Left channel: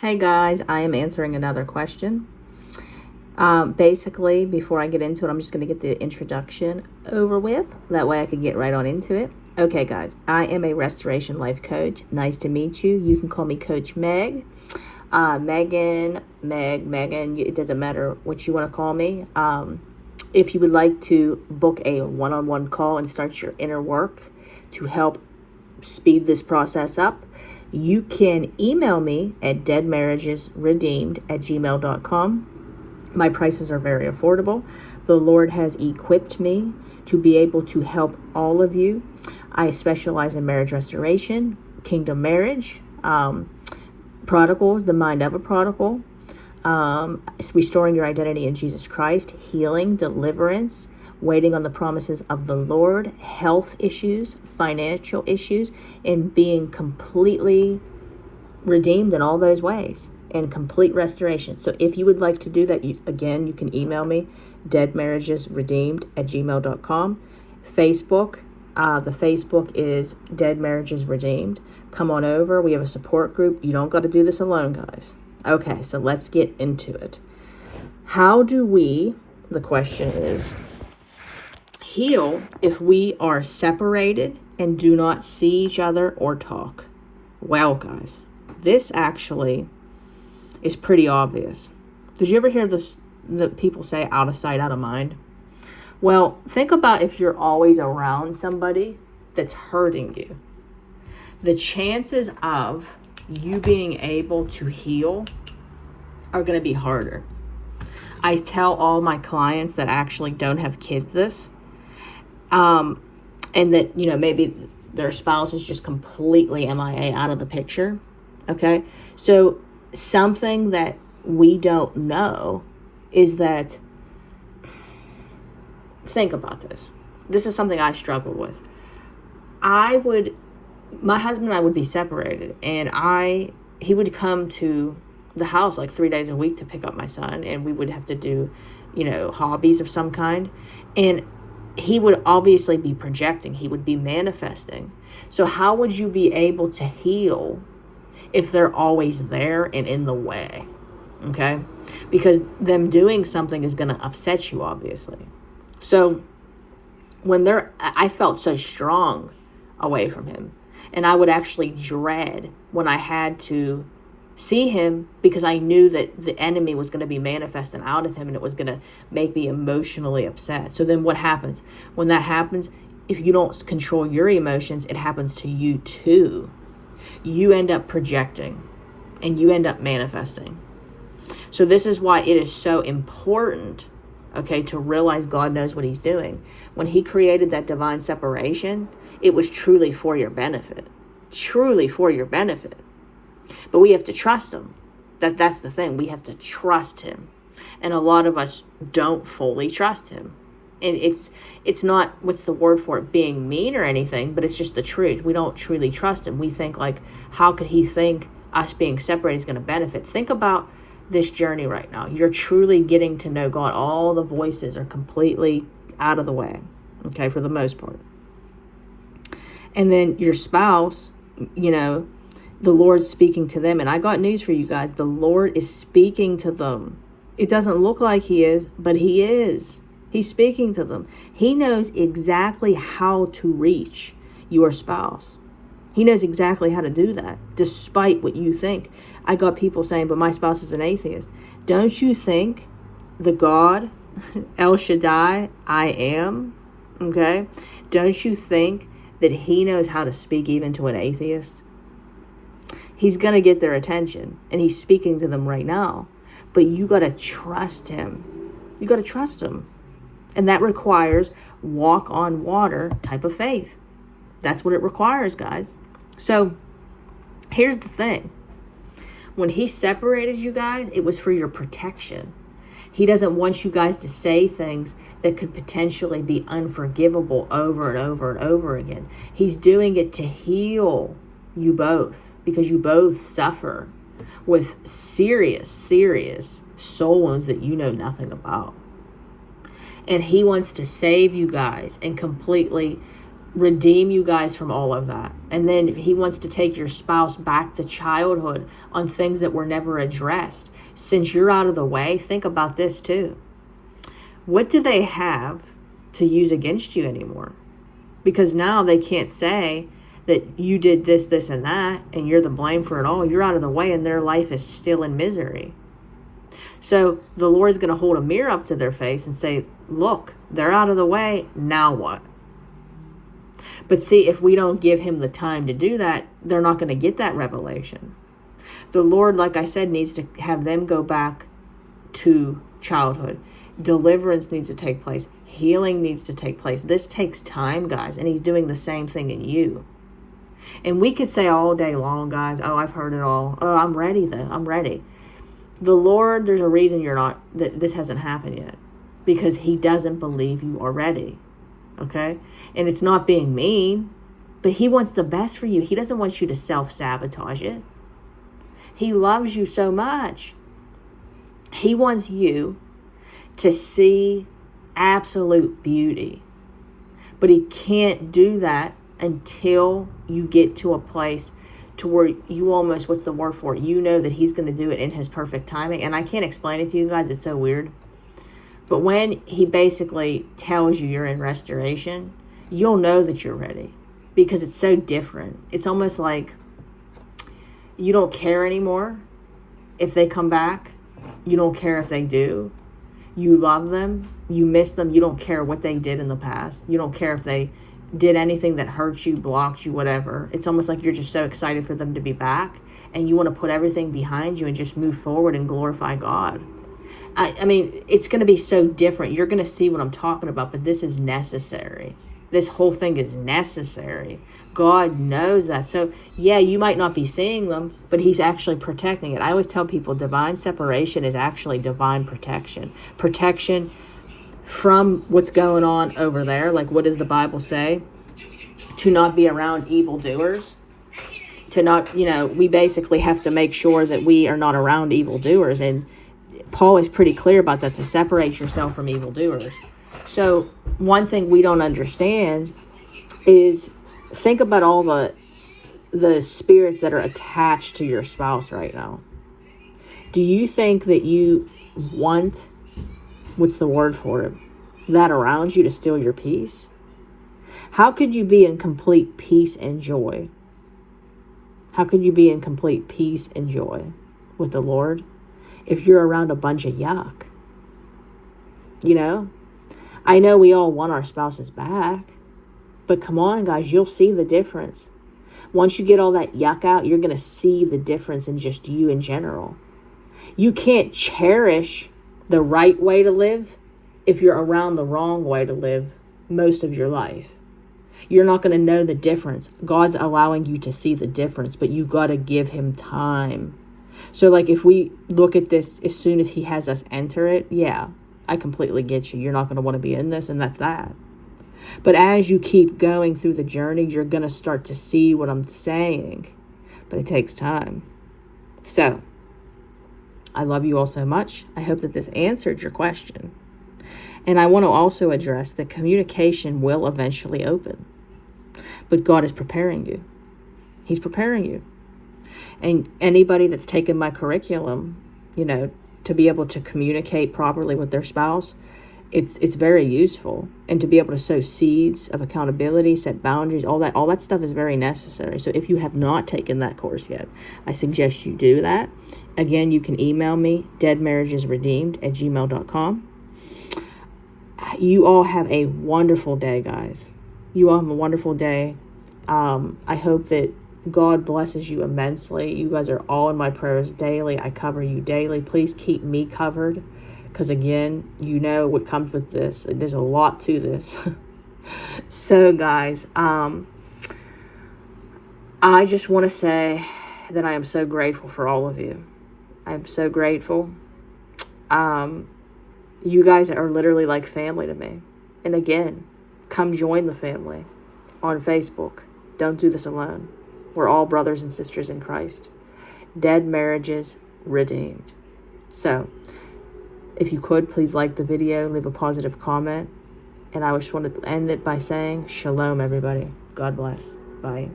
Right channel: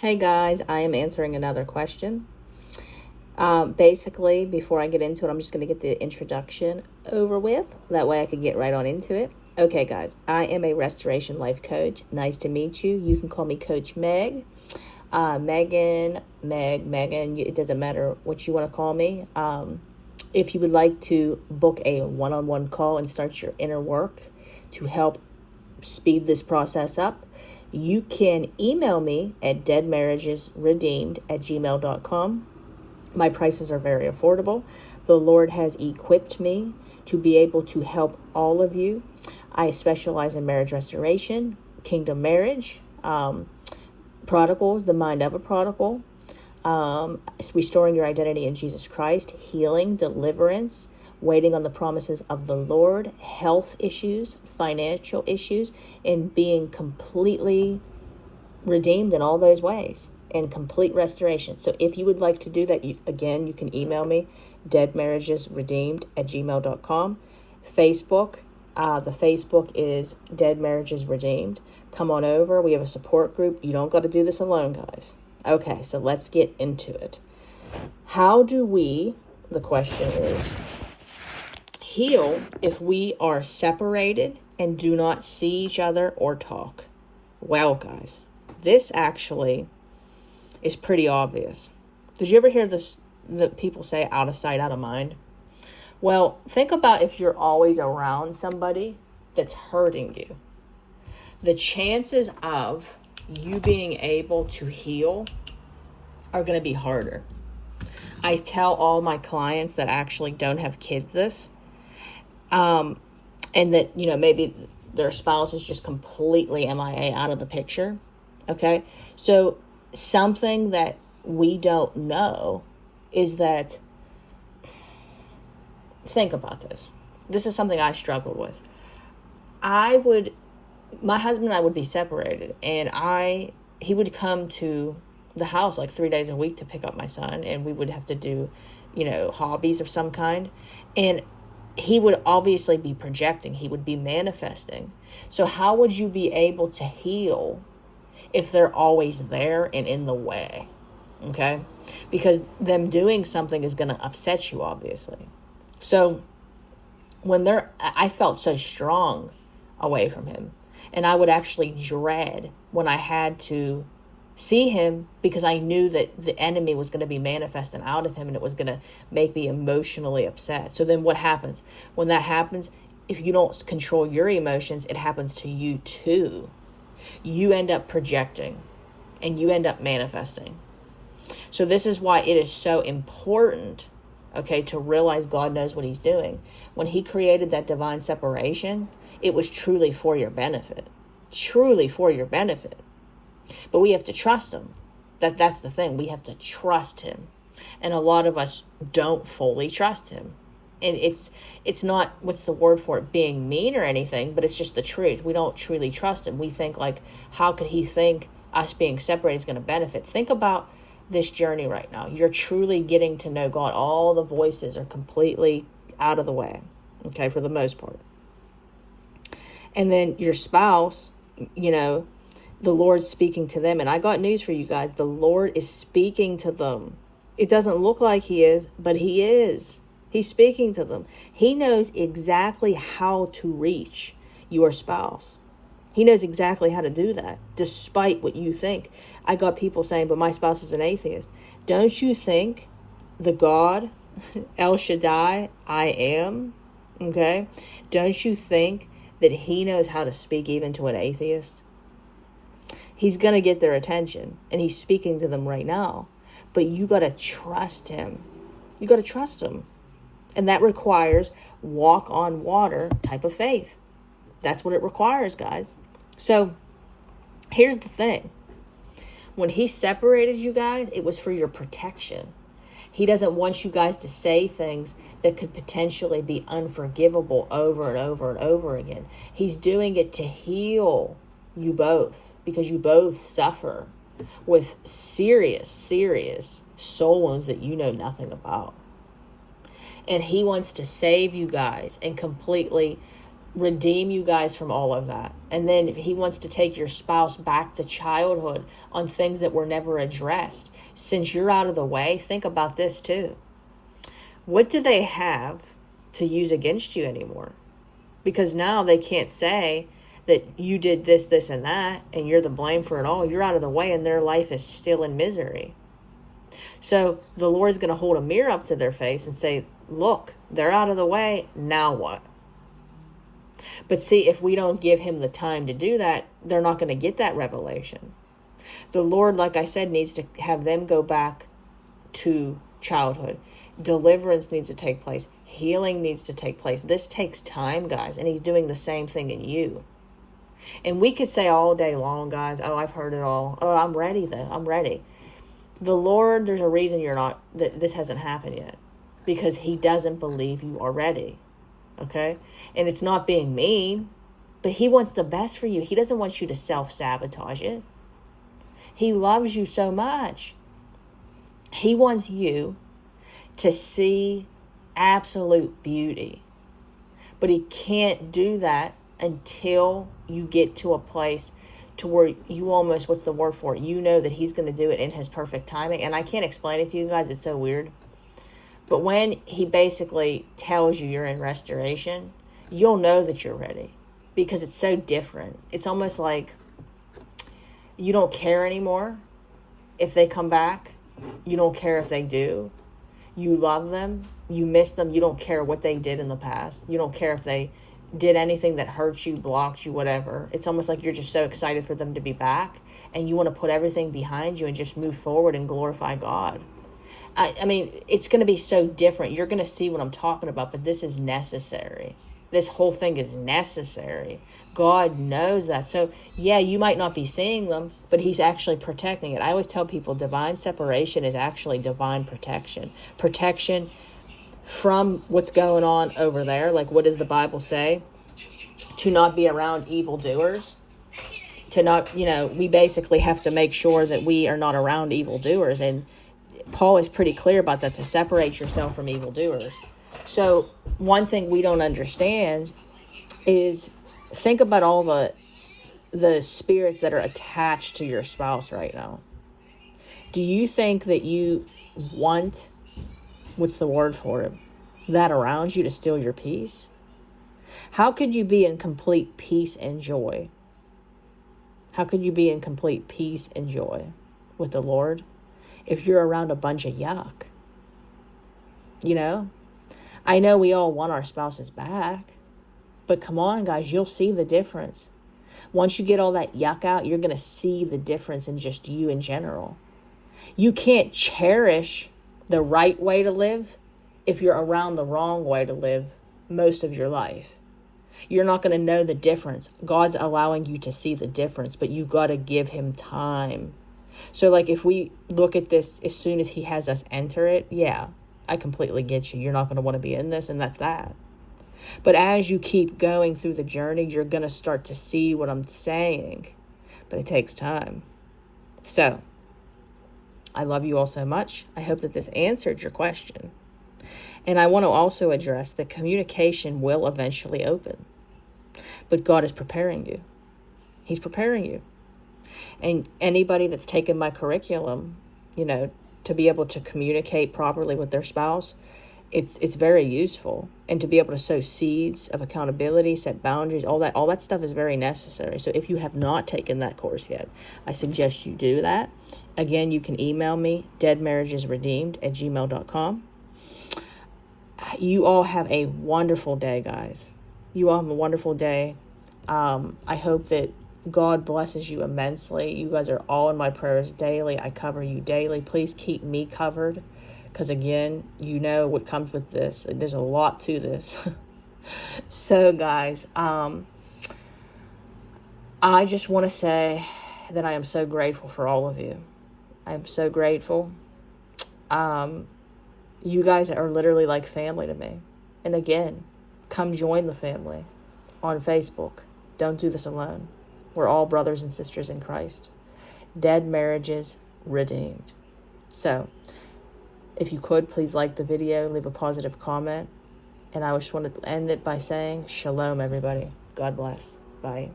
Hey guys, I am answering another question. Basically, before I get into it, I'm just going to get the introduction over with. That way I can get right on into it. Okay guys, I am a restoration life coach. Nice to meet you. You can call me Coach Meg. Megan, it doesn't matter what you want to call me. If you would like to book a one-on-one call and start your inner work to help speed this process up, you can email me at deadmarriagesredeemed@gmail.com. My prices are very affordable. The Lord has equipped me to be able to help all of you. I specialize in marriage restoration, kingdom marriage, prodigals, the mind of a prodigal, restoring your identity in Jesus Christ, healing, deliverance, waiting on the promises of the Lord, health issues, financial issues, and being completely redeemed in all those ways, and complete restoration. So if you would like to do that, you can email me, deadmarriagesredeemed@gmail.com. Facebook, the Facebook is Dead Marriages Redeemed. Come on over. We have a support group. You don't got to do this alone, guys. Okay, so let's get into it. How do we, the question is, heal if we are separated and do not see each other or talk? Well, guys, this actually is pretty obvious. Did you ever hear this, that people say out of sight, out of mind? Well, think about if you're always around somebody that's hurting you. The chances of you being able to heal are going to be harder. I tell all my clients that actually don't have kids this, and that, maybe their spouse is just completely MIA, out of the picture. Okay. So something that we don't know is that, think about this. This is something I struggle with. My husband and I would be separated, and he would come to the house like 3 days a week to pick up my son, and we would have to do, hobbies of some kind. And he would obviously be projecting, he would be manifesting. So how would you be able to heal if they're always there and in the way? Okay? Because them doing something is going to upset you, obviously. So I felt so strong away from him. And I would actually dread when I had to see him, because I knew that the enemy was going to be manifesting out of him, and it was going to make me emotionally upset. So then what happens? When that happens, if you don't control your emotions, it happens to you too. You end up projecting and you end up manifesting. So this is why it is so important, okay, to realize God knows what he's doing. When he created that divine separation, it was truly for your benefit. Truly for your benefit. But we have to trust him. That's the thing. We have to trust him. And a lot of us don't fully trust him. And it's not, what's the word for it, being mean or anything, but it's just the truth. We don't truly trust him. We think like, how could he think us being separated is going to benefit? Think about this journey right now. You're truly getting to know God. All the voices are completely out of the way, okay, for the most part. And then your spouse, the Lord's speaking to them. And I got news for you guys. The Lord is speaking to them. It doesn't look like he is, but he is. He's speaking to them. He knows exactly how to reach your spouse. He knows exactly how to do that, despite what you think. I got people saying, but my spouse is an atheist. Don't you think the God, El Shaddai, I am, okay? Don't you think that he knows how to speak even to an atheist? He's going to get their attention, and he's speaking to them right now. But you got to trust him. You got to trust him. And that requires walk on water type of faith. That's what it requires, guys. So here's the thing. When he separated you guys, it was for your protection. He doesn't want you guys to say things that could potentially be unforgivable over and over and over again. He's doing it to heal you both, because you both suffer with serious soul wounds that you know nothing about. And he wants to save you guys and completely redeem you guys from all of that. And then he wants to take your spouse back to childhood on things that were never addressed. Since you're out of the way, think about this too. What do they have to use against you anymore? Because now they can't say that you did this, this, and that, and you're the blame for it all. You're out of the way, and their life is still in misery. So the Lord's going to hold a mirror up to their face and say, look, they're out of the way. Now what? But see, if we don't give him the time to do that, they're not going to get that revelation. The Lord, like I said, needs to have them go back to childhood. Deliverance needs to take place. Healing needs to take place. This takes time, guys, and he's doing the same thing in you. And we could say all day long, guys, oh, I've heard it all. Oh, I'm ready, though. I'm ready. The Lord, there's a reason you're not, that this hasn't happened yet. Because he doesn't believe you are ready. Okay? And it's not being mean, but he wants the best for you. He doesn't want you to self-sabotage it. He loves you so much. He wants you to see absolute beauty. But he can't do that until you get to a place to where you almost, what's the word for it? You know that he's going to do it in his perfect timing. And I can't explain it to you guys. It's so weird. But when he basically tells you you're in restoration, you'll know that you're ready. Because it's so different. It's almost like you don't care anymore if they come back. You don't care if they do. You love them. You miss them. You don't care what they did in the past. You don't care if they did anything that hurt you, blocked you, whatever. It's almost like you're just so excited for them to be back. And you want to put everything behind you and just move forward and glorify God. I mean, it's going to be so different. You're going to see what I'm talking about, but this is necessary. This whole thing is necessary. God knows that. So, yeah, you might not be seeing them, but he's actually protecting it. I always tell people divine separation is actually divine protection. Protection from what's going on over there. Like, what does the Bible say? To not be around evildoers. To not, we basically have to make sure that we are not around evildoers. And Paul is pretty clear about that, to separate yourself from evildoers. So one thing we don't understand is, think about all the spirits that are attached to your spouse right now. Do you think that you want, what's the word for it, that around you to steal your peace? How could you be in complete peace and joy? How could you be in complete peace and joy with the Lord if you're around a bunch of yuck? I know we all want our spouses back, but come on, guys, you'll see the difference. Once you get all that yuck out, you're going to see the difference in just you in general. You can't cherish the right way to live if you're around the wrong way to live most of your life. You're not going to know the difference. God's allowing you to see the difference, but you got to give him time. So like if we look at this as soon as he has us enter it, yeah, I completely get you. You're not going to want to be in this, and that's that. But as you keep going through the journey, you're going to start to see what I'm saying. But it takes time. So, I love you all so much. I hope that this answered your question. And I want to also address that communication will eventually open. But God is preparing you. He's preparing you. And anybody that's taken my curriculum, to be able to communicate properly with their spouse, it's very useful. And to be able to sow seeds of accountability, set boundaries, all that stuff is very necessary. So if you have not taken that course yet, I suggest you do that. Again, you can email me, deadmarriagesredeemed@gmail.com. You all have a wonderful day, guys. You all have a wonderful day. I hope that God blesses you immensely. You guys are all in my prayers daily. I cover you daily. Please keep me covered. Because again, you know what comes with this. There's a lot to this. So guys, I just want to say that I am so grateful for all of you. I am so grateful. You guys are literally like family to me. And again, come join the family on Facebook. Don't do this alone. We're all brothers and sisters in Christ. Dead Marriages Redeemed. So, if you could, please like the video, leave a positive comment. And I just wanted to end it by saying, Shalom, everybody. God bless. Bye.